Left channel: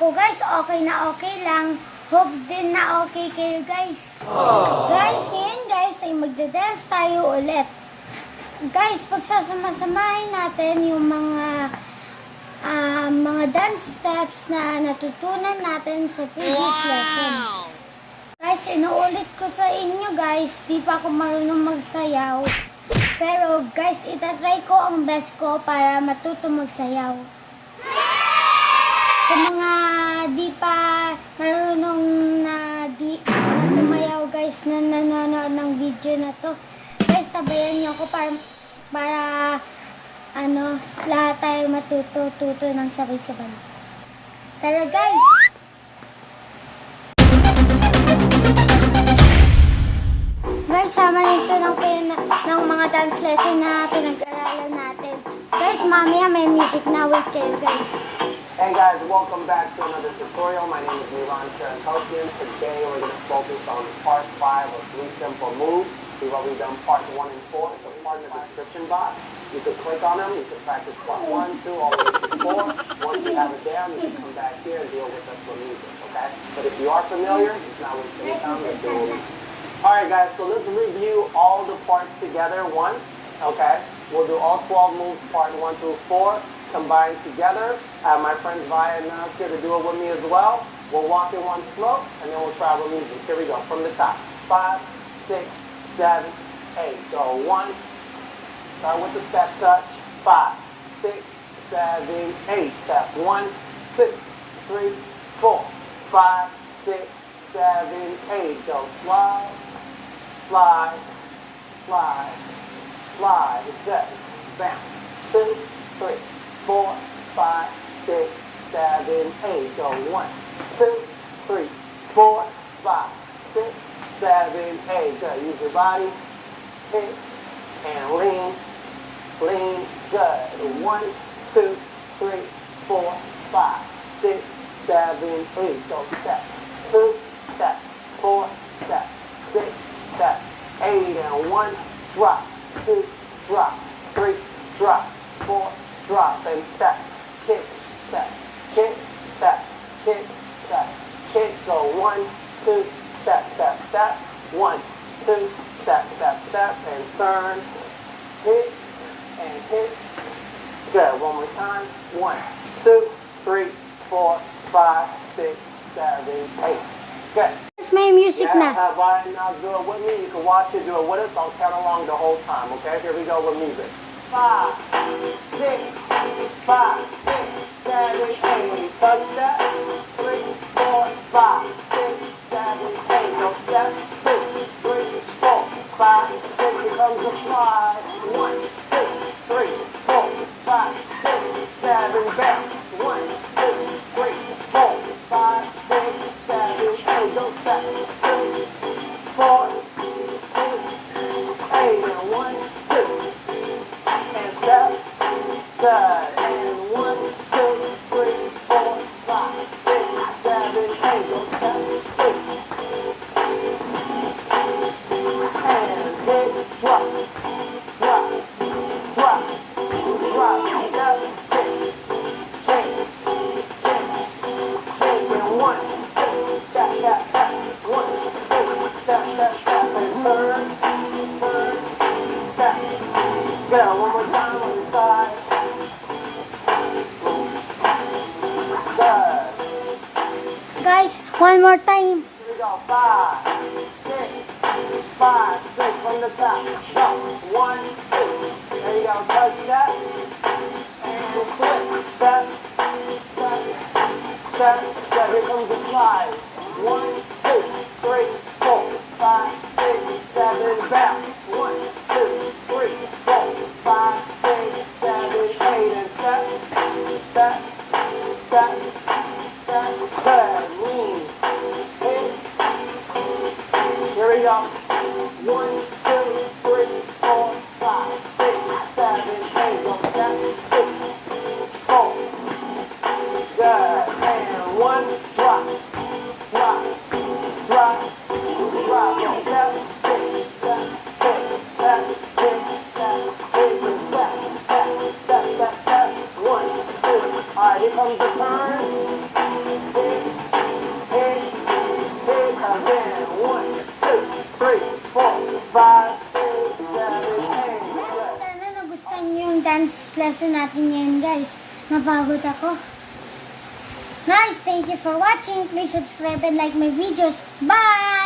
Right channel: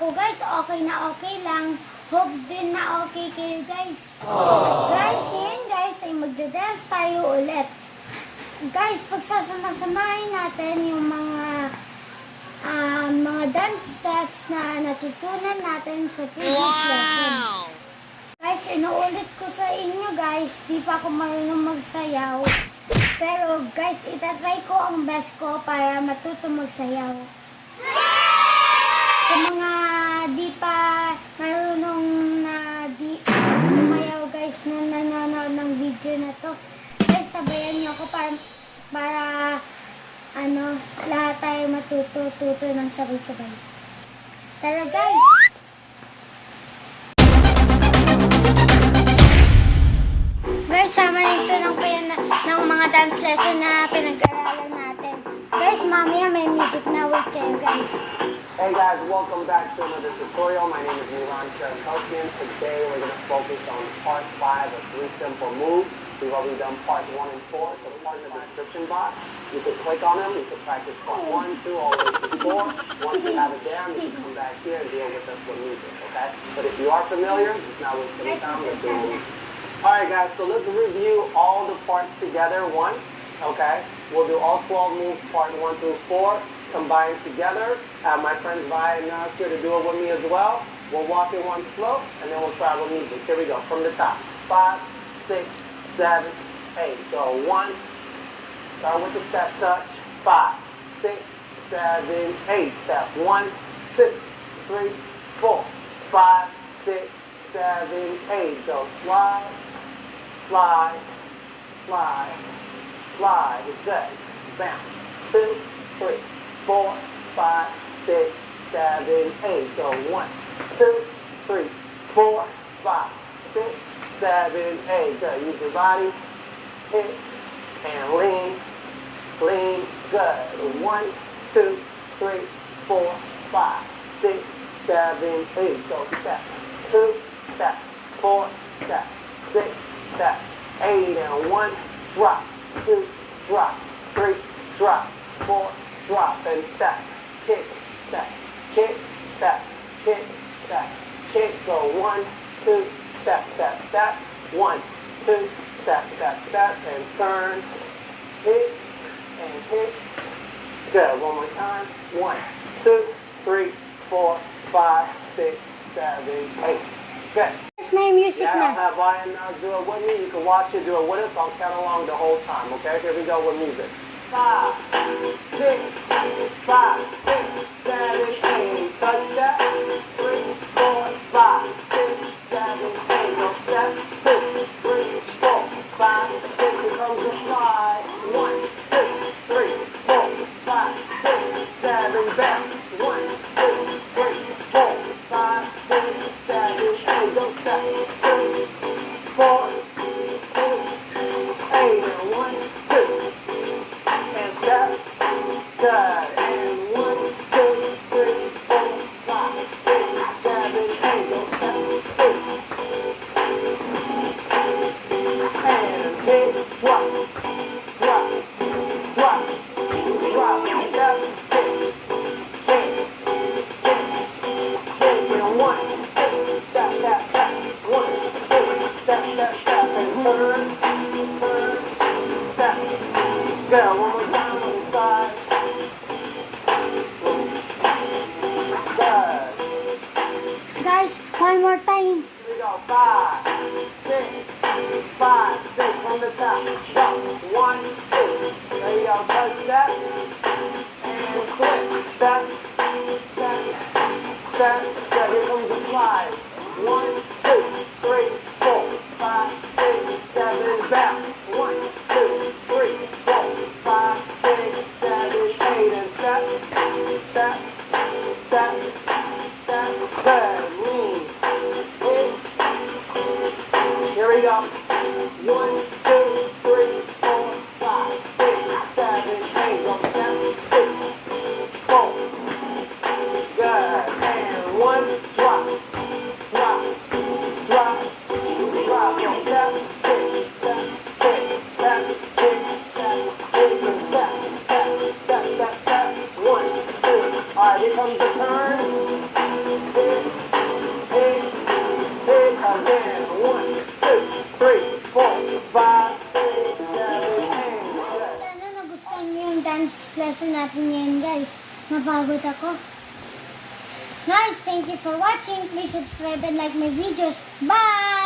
Ako guys, okay na okay lang. Hope din na okay kayo guys. Guys, ngayon guys ay magda-dance tayo ulit. Guys, pagsasama-samahin natin yung mga dance steps na natutunan natin sa previous lesson. Guys, inuulit ko sa inyo guys, di pa ako marunong magsayaw. Pero guys, itatry ko ang best ko para matuto magsayaw. Sa mga di pa marunong na di sumayaw guys na nanonood ng video na to, guys, sabayan niyo ako para lahat tayo matuto ng sabay-sabay. Tara guys! Guys, sama nito lang po yun ng mga dance lesson na pinag-aralan natin. Guys, mamaya may music na. Wait kayo guys. Hey guys, welcome back to another tutorial. My name is Vlog156. Today we're going to focus on part 5 of 3 simple moves. We've already done part 1 and 4, so part in the description box. You can click on them, you can practice part 1, 2, all the way to 4. Once you have it down, you can come back here and deal with us with music, okay? But if you are familiar, it's not wasting any time. Let's do it. Alright guys, so let's review all the parts together once, okay? We'll do all 12 moves, part 1 through 4. Combined together. My friends Vi and Nas here to do it with me as well. We'll walk in one slope and then we'll travel music. Here we go from the top. 5, 6, 7, 8. Go 1. Start with the step touch. 5, 6, 7, 8. Step 1, 2, 3, 4, 5, 6, 7, 8. Go slide, slide, slide, slide. Good. Bounce. 2, 3, 4, 5, 6, 7, 8. Go 1, 2, 3, 4, 5, 6, 7, 8. Good. Use your body. Hit and lean. Lean. Good. 1, 2, 3, 4, 5, 6, 7, 8. Go step. 2, step. 4, step. 6, step. 8 and 1. Drop. 2, drop. 3, drop. 4, drop and step, kick, step, kick, step, kick, step, kick. Go 1, 2, step, step, step. 1, 2, step, step, step, and turn, hit, and hit. Good. One more time. 1, 2, 3, 4, 5, 6, 7, 8. Good. Guys, may music na. Have I and Nas do it with me? You can watch it, do it with us. I'll count along the whole time. Okay. Here we go with music. 5, 6, 5, 6, 7, 8. Touch that. 3, 4, 5, 6, 7, 8. No step. 2, 3, 4, 5, 6. Here comes the slide. 1, 2, 3, 4, 5, 6, 7. Bounce. 1, 2, 3, 4, 5, 6, 7, 8. Don't step. 3, 4, 8, and 1, 2. Step. Good. And 1, 2, 3, 4, 5, 6, 7, 8. Go step. 2. And hit. Drop. Drop. Drop. Drop. Step. Hit. Hit. Hit. And 1, 2, step, step, step. 1, 2, step, step, step. And turn. Turn. Step. Good. One more time. Guys, one more time. Here we go. 5, 6, 5, 6 from the top. Jump. 1, 2. There you go. Touch that. And flip. Step. Step. Step. Step. Here comes the slide. 1, 2, 3, 4, 5, 6, 7. Bounce. 1, 2, 3, 4, 5, 6, 7, 8. And step. Step. Step. Step. Good. Lean. Hit. Here we go. 1, 2, 3, 4, 5, 6, 7, 8. Go step. 2, 4. Good. And 1. Drop. Drop. Drop. Drop. Go step. 6, step. 6, step. 6, step. 8. And step. Step. Step. Step. Step. 1, 2. All right. Here comes the turn. Guys, sana nagustuhan niyo yung dance lesson natin ngayon, guys. Napagod ako. Guys, thank you for watching. Please subscribe and like my videos. Bye!